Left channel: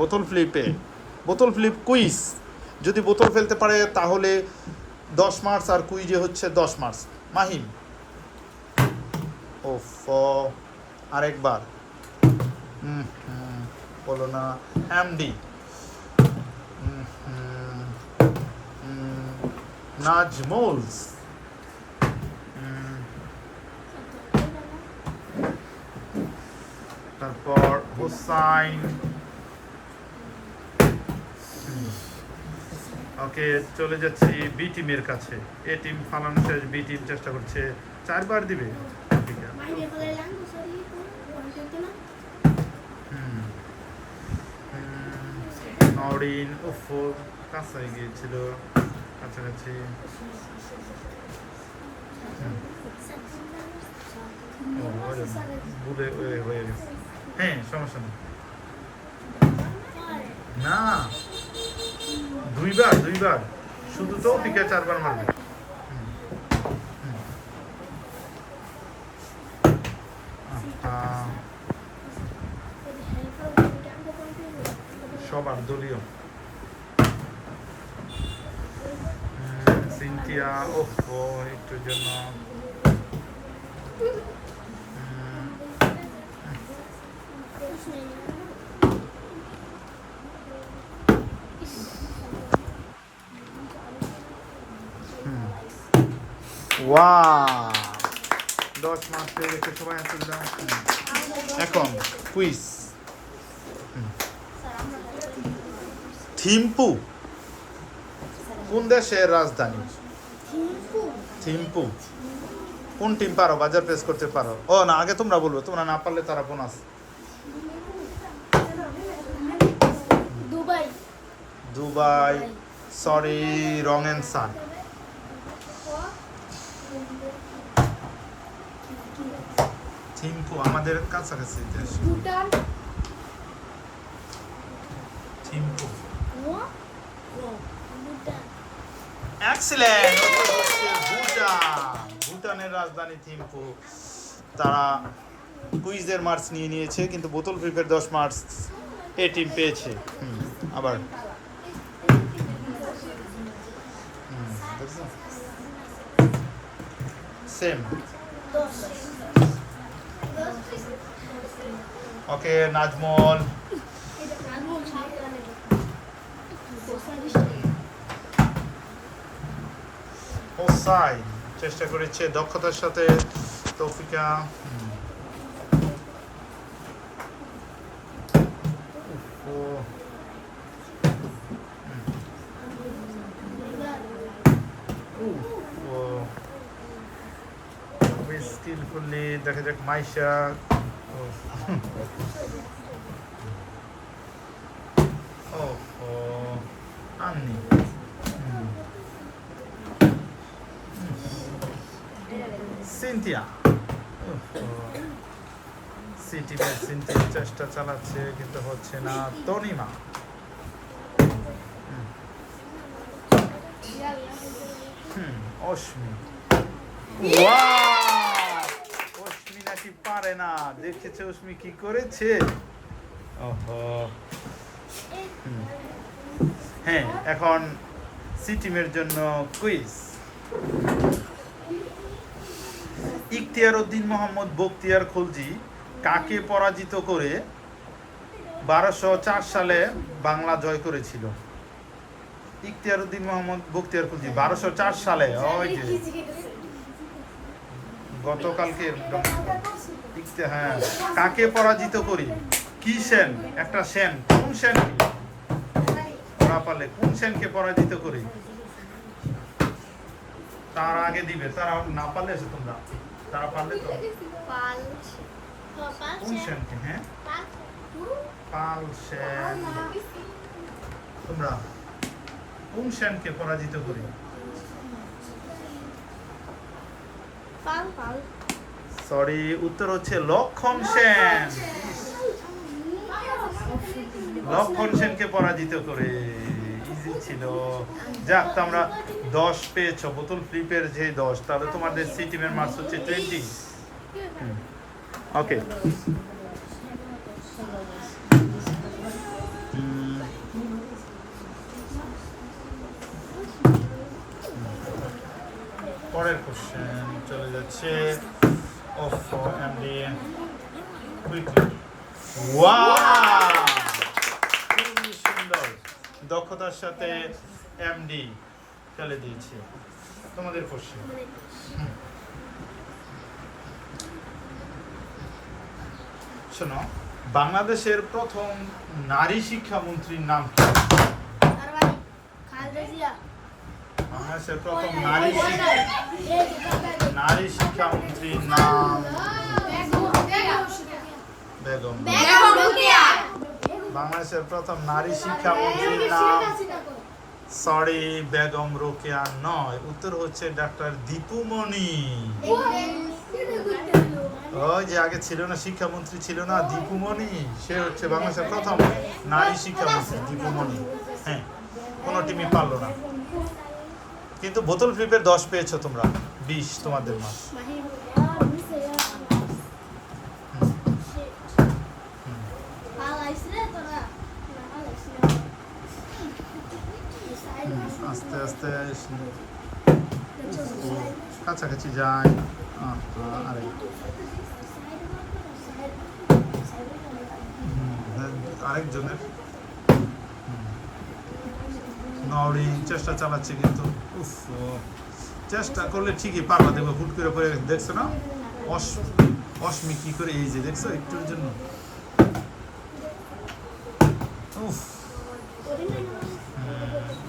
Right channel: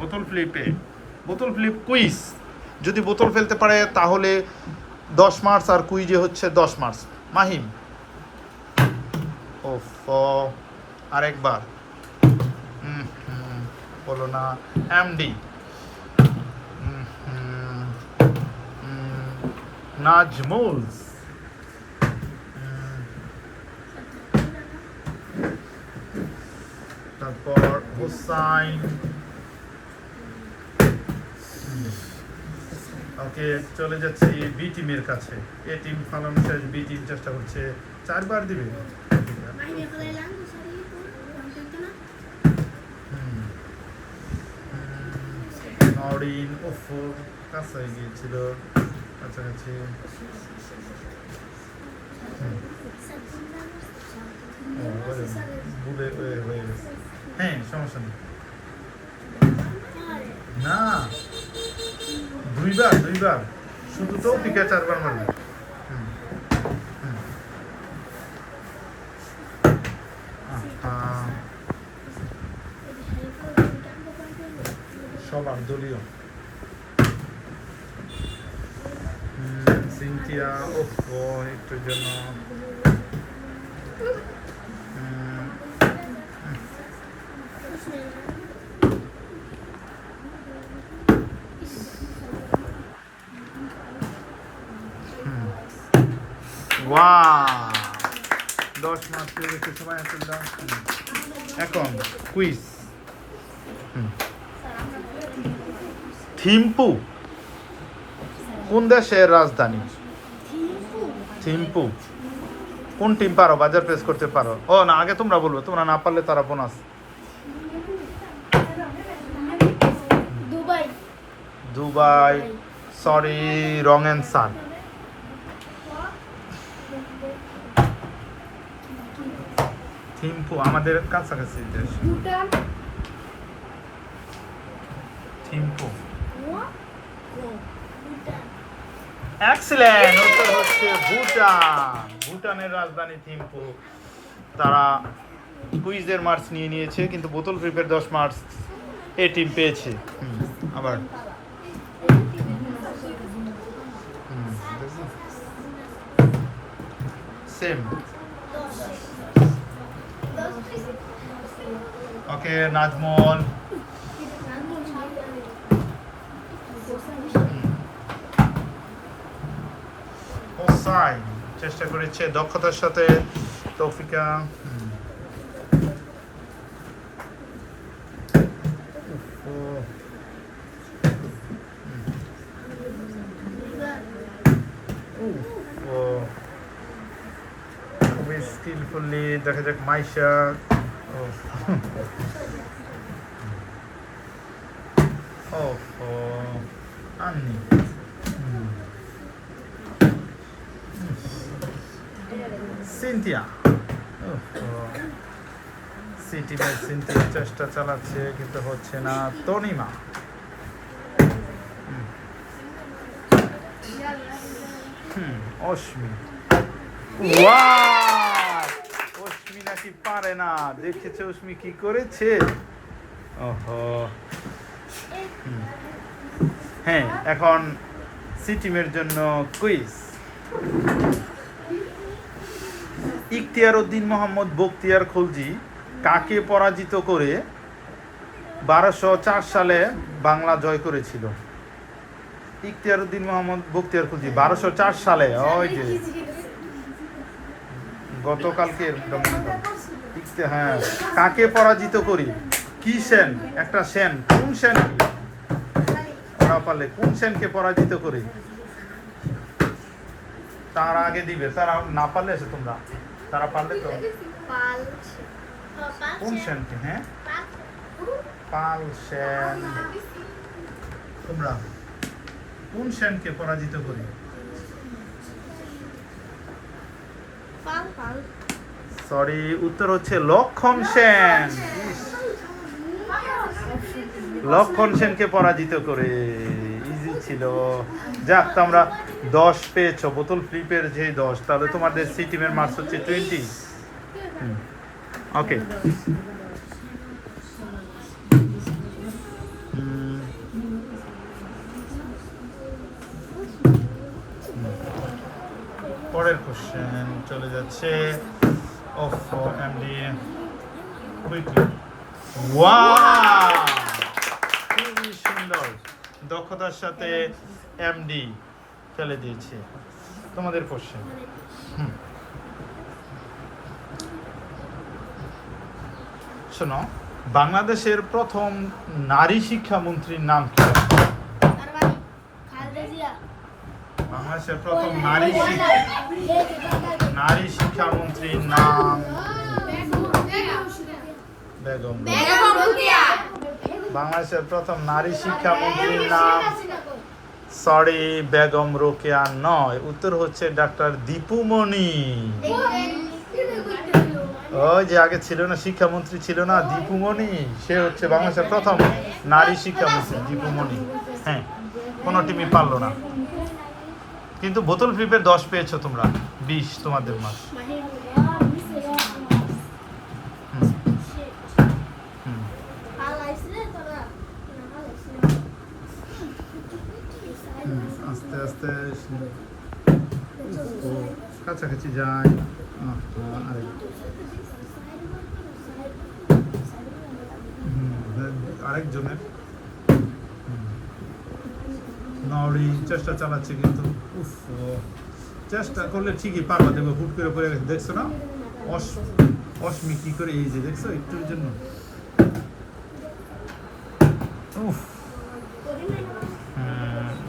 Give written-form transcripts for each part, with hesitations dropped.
বোতল flip quiz. যদি বোতল ফেলতে পারে তাহলে 10 মার্কস, আর কুইজে হচ্ছে 10 মার্কস। মাহিম, ওফ, আরেকবার বলো না। এমডি, নাজমুলস, তারপর হুসাইন। ওকে, চলে যাচ্ছি বি টিমের কাছে। এ টিম ফালানো শেষ, বি টিম চেষ্টা করছে 4 বার দিবে। নরিন, ওফো, কাছে গিয়েছিল, কাছাকাছি। ভুলে হয়ে গেছে। হ্যাঁ, সমস্যা নেই। না, দুইবার শুধু তৌফিকা 4 বার মারবে। সবার দলীয় সিনথিয়া, ওফো, একটুর জন্য। ওয়াও, 10 মার্কস পেয়ে গেছে সবাই। এখন কুইজ। থিম্পু কোন দেশের রাজধানী? থিম্পু কোন টিম পারো? বাজার প্রেস করতে পারো? ও না, আগে তোমরা বলবো, তোমরা না পারলে তারা bonus. Dubai, sorry, wrong answer. Thimphu আমাদের কাছাকাছি দেশ। থিম্পু, এক্সিলেন্ট, উত্তর হচ্ছে ভুটান। ভুটানের রাজধানী থিম্পু। তারা কুইজের মার্কস নিয়ে নিয়েছে, কিন্তু বোতল ফ্লিপের 10 মার্কস এ টিম পেয়েছে। আবার সেম। ওকে, নাজমুল, হোসাইন চেষ্টা করেছে দক্ষতার সাথে। তৌফিকা, খুবই স্কিলফুলি। দেখা যাক মাইশা, আন্নি, সিনথিয়া। সিনথিয়া চেষ্টা চালাচ্ছে কিন্তু হচ্ছে না। তনিমা, অশ্মি। অশ্মি নাকি পারে না, দেখেছে অশ্মি কি করেছে। ওহো, হ্যাঁ, এখন সি টিমের জন্য কুইজ। ইখতিয়ার উদ্দিন মোহাম্মদ বখতিয়ার খলজি কাকে পরাজিত করে 1204 সালে বাংলা জয় করেছিল? ইখতিয়ার উদ্দিন মোহাম্মদ বখতিয়ার খলজি 1204 সালে, ওই যে গতকালকে। হ্যাঁ, কাকে পরাজিত করি? কি সেন, একটা সেন, কোন সেন? ওরা পারলে কোন সেনকে পরাজিত করি? তার আগে দিবে, তারা না পারলে এসে তোমরা, তারা পারলে তো কোন সেনকে? হ্যাঁ, পাল সেন। তোমরা কোন সেনকে পরাজিত করি? সরি, উত্তর হচ্ছে লক্ষণ সেন। লক্ষণ সেনকে পরাজিত করে। ইজি ছিল। যাক, তোমরা 10 পেয়েছো বোতল ফ্লিপের যে 10, তাহলে তোমাদের সি টিমের মার্কস হচ্ছে 20। ওকে, পরের কোশ্চেন চলে যাচ্ছে অফ এমডি কুইকলি। ওয়াও, খুবই সুন্দর, দক্ষতার সাথে এমডি ফেলে দিয়েছে। তোমাদের কোশ্চেন। শোনো, বাংলাদেশের প্রথম নারী শিক্ষামন্ত্রীর নাম কি? বাংলাদেশের প্রথম নারী শিক্ষামন্ত্রীর নাম বেগম। বাংলাদেশের প্রথম নারী শিক্ষামন্ত্রীর নাম সরি বেগম রোকেয়া নয়, উত্তর হচ্ছে ডাক্তার দীপুমণি। ওই যে আগে ছিল না, শিক্ষামন্ত্রী ছিল না দীপুমণি, সে হচ্ছে বাংলাদেশের প্রথম নারী শিক্ষামন্ত্রী দীপুমণি। হ্যাঁ, কোনো টিমই পারলো না, কিন্তু বোতল ফ্লিপের 10 পেয়েছো তোমরা, 20 তোমাদের মাস। আস্তে আস্তে কাছাকাছি যায়। আরেকজনের নওরিন চেষ্টা চালাচ্ছে, কিন্তু চেষ্টা করলে ঠিকই পারবা। দেখবো হুট করে পড়ে গেছে, দেখছো না অশ্মি কি করে, এই যে দেখছো একটুর জন্য।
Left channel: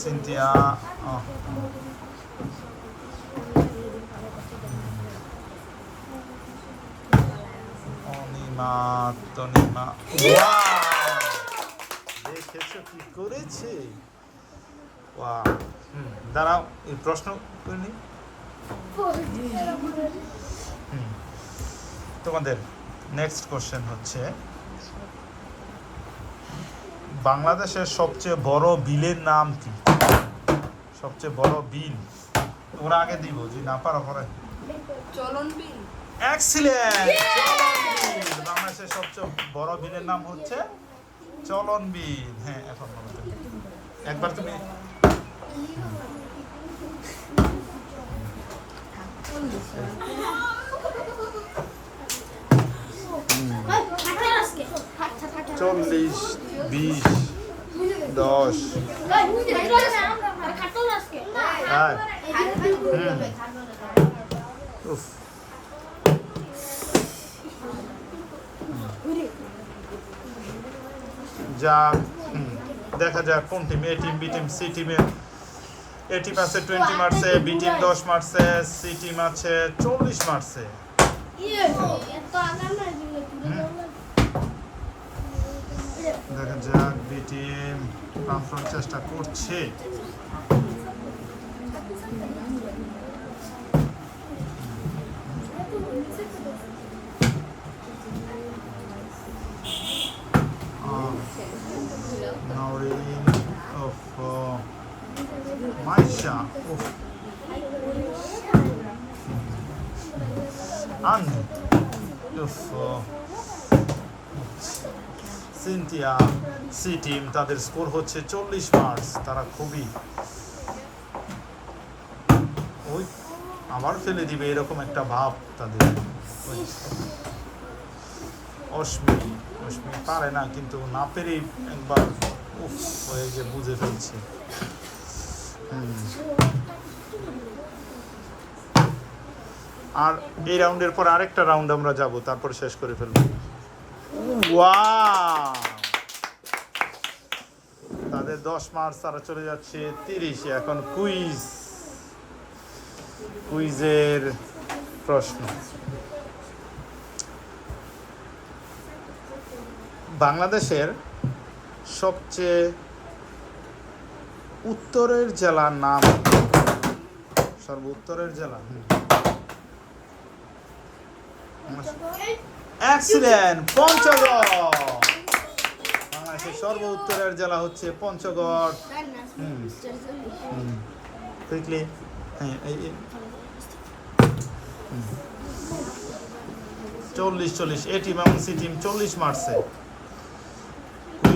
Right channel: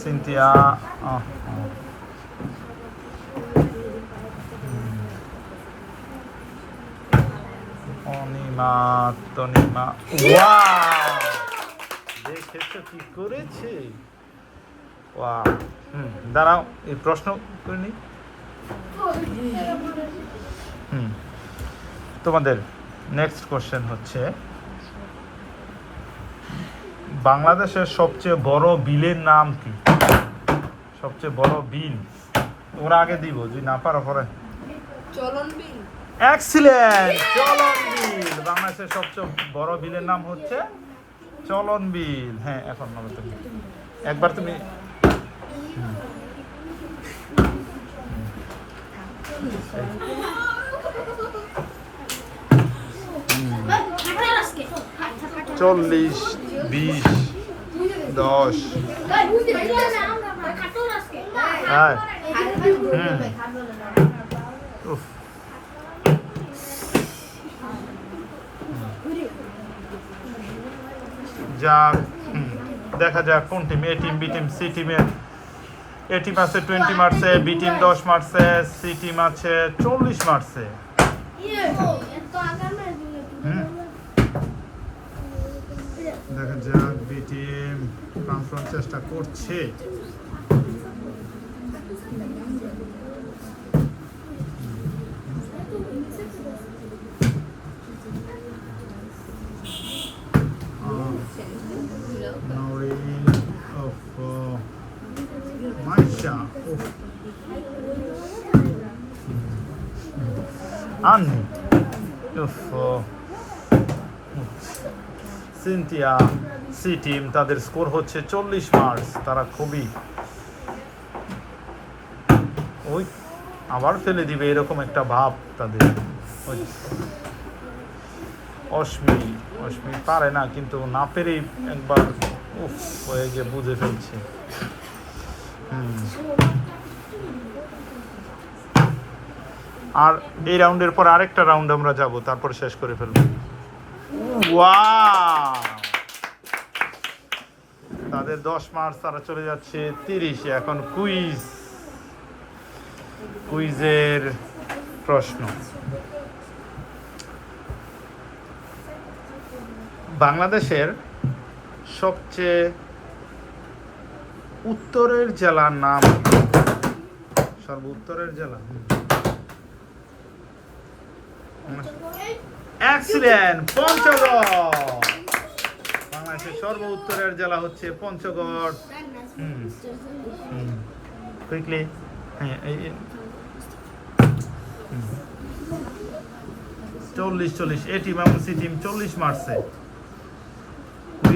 সিনথিয়া অনিমা তনিমা। ওয়াও, দেখেছো কি করেছে। ওয়াও, দাঁড়াও এই প্রশ্ন করে নি। তোমাদের নেক্সট কোশ্চেন হচ্ছে, বাংলাদেশের সবচেয়ে বড় বিলের নাম কি? সবচেয়ে বড় বিল তোমরা আগে দিব, যদি না পারো পরে। চলন বিল। এক্সিলেন্ট, চলন বিল। বাংলাদেশের সবচেয়ে বড় বিলের নাম হচ্ছে চলন বিল। হ্যাঁ, এখন একবার তুমি চল্লিশ, 20, 10। যাক, দেখা যাক কোন টিম, এ টিম, বি টিম, সি টিমের। এ টিম আছে 20 মারছে, বি টিম 10 মারছে, সি টিম আছে 40 মারছে। দেখা যাক, বি টিম প্রাণপণ চেষ্টা করছে। নওরিন অফ মাইশা আন্নি সিনথিয়া। সি টিম, তাদের স্কোর হচ্ছে 40 মার্কস। তারা খুবই ওই আবার ফেলে দিবে এরকম একটা ভাব তাদের। অশ্মি পারে না, কিন্তু না পেরেই একবার হয়ে যে বুঝে ফেলছে। আর এই রাউন্ডের পর আরেকটা রাউন্ড আমরা যাব, তারপর শেষ করে ফেলবো। ওয়াও, তাদের 10 মার্কস, তারা চলে যাচ্ছে 30। এখন কুইজের প্রশ্ন। বাংলাদেশের সবচেয়ে উত্তরের জেলার নাম, উত্তরের জেলা। এক্সিলেন্ট, পঞ্চগড়। বাংলাদেশের সর্ব উত্তরের জেলা হচ্ছে পঞ্চগড়। কুইকলি, হ্যাঁ, 40 এ টিম এবং সি টিম 40 মারছে।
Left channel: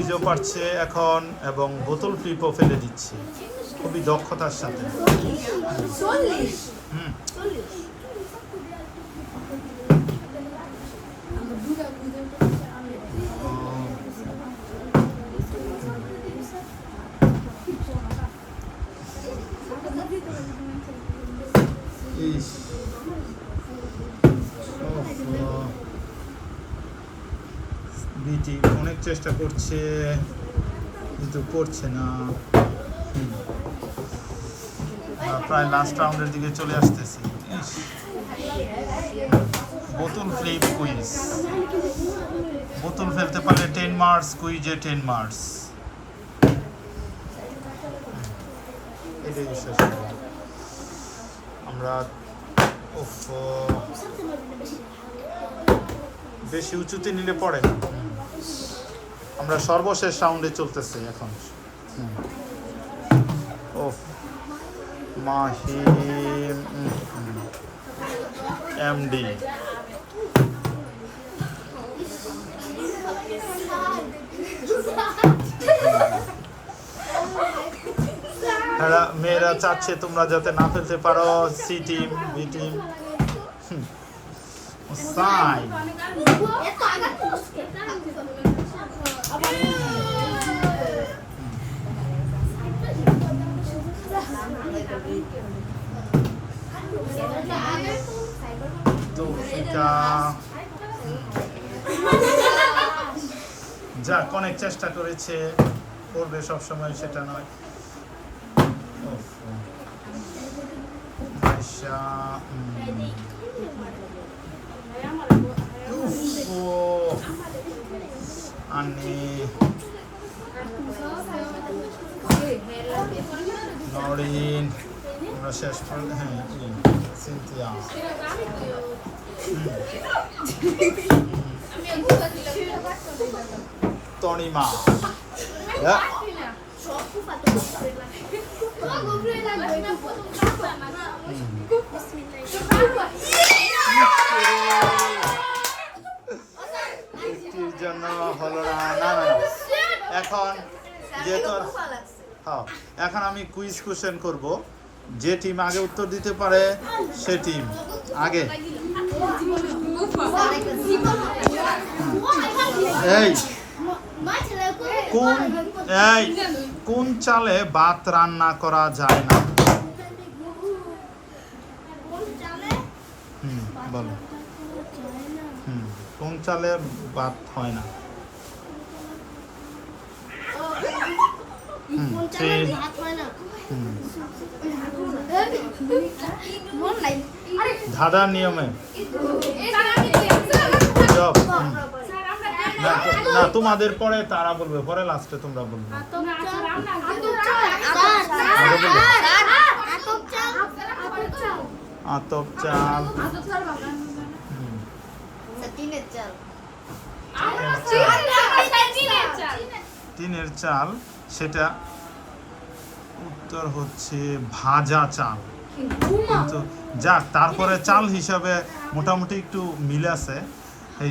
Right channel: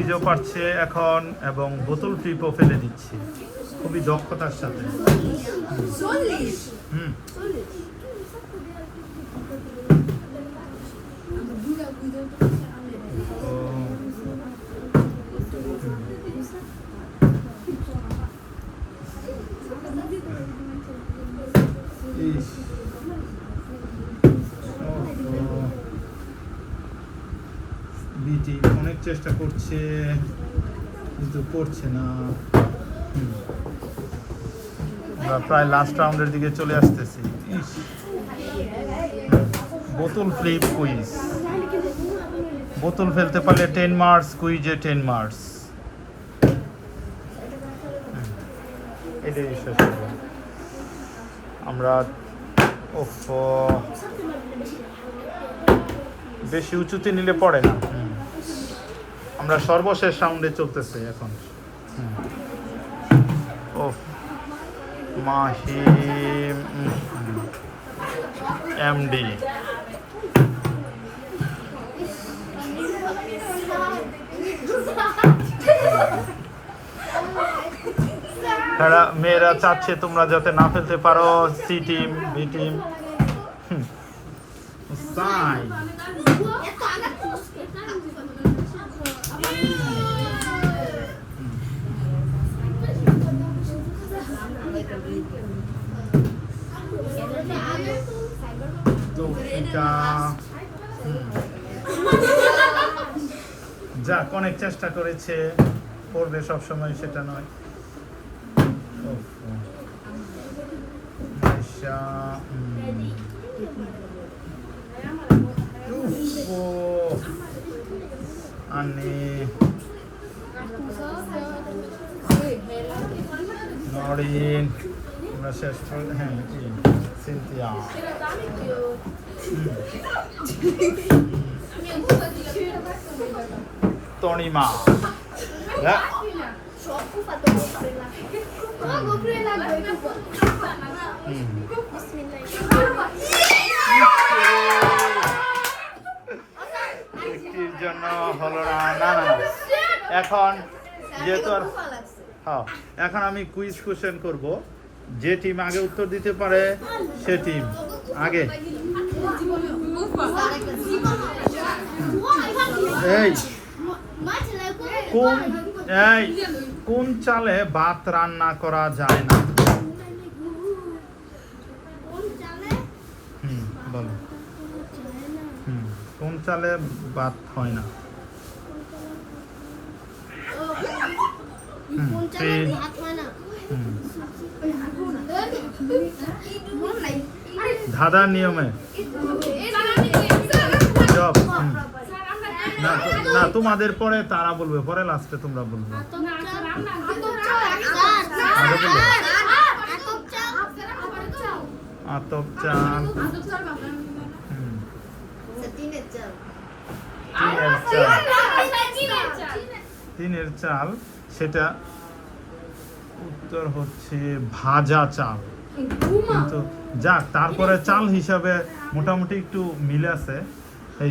কুইজও পারছে এখন এবং বোতল ফ্লিপও ফেলে দিচ্ছে খুবই দক্ষতার সাথে। হুম ইস বিটি অনেক চেষ্টা করছে কিন্তু করছে না। আমরা প্রায় লাস্ট রাউন্ডের দিকে চলে আসতেছি। ইস বোতল ফ্লিপ কুইজ, বোতল ফেলতে পারলে 10 মার্কস, কুইজে 10 মার্কস। এটাই শেষ করব আমরা। ওফ বেশি উঁচুতে নিলে পড়ে না। আমরা সর্বশেষ রাউন্ডে চলতেছে এখন। ওফ মাহিম এমডি মেয়েরা চাচ্ছে তোমরা যাতে না ফেলতে পারো। C team, B team. সাই যাক অনেক চেষ্টা করেছে, করবে সবসময় সেটা নয়। নরিন আমরা শেষ করে। হ্যাঁ সিনথিয়া তনিমা একটির জন্য হলো না। না না না এখন যেহেতু হ্যাঁ এখন আমি কুইজ কোশ্চেন করব। যে টিম আগে উত্তর দিতে পারে সে টিম আগে। এই কোন চালে ভাত রান্না করা যায় না? বলো। কোন চালে ভাত হয় না? ধাঁধার নিয়মে না তোমাদের পরে তারা বলবে, পরে লাস্টে তোমরা বলবে। আতপ চাল, টিনের চাল, সেটা উত্তর হচ্ছে ভাজা চাল। কিন্তু যাক তারপরে চাল হিসাবে মোটামুটি একটু মিল আছে। এই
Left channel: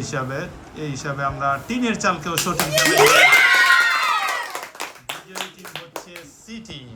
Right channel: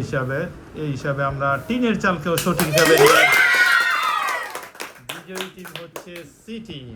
হিসাবে আমরা টিনের চালকেও সঠিকভাবে বিজয়ী টিম হচ্ছে সি টিম।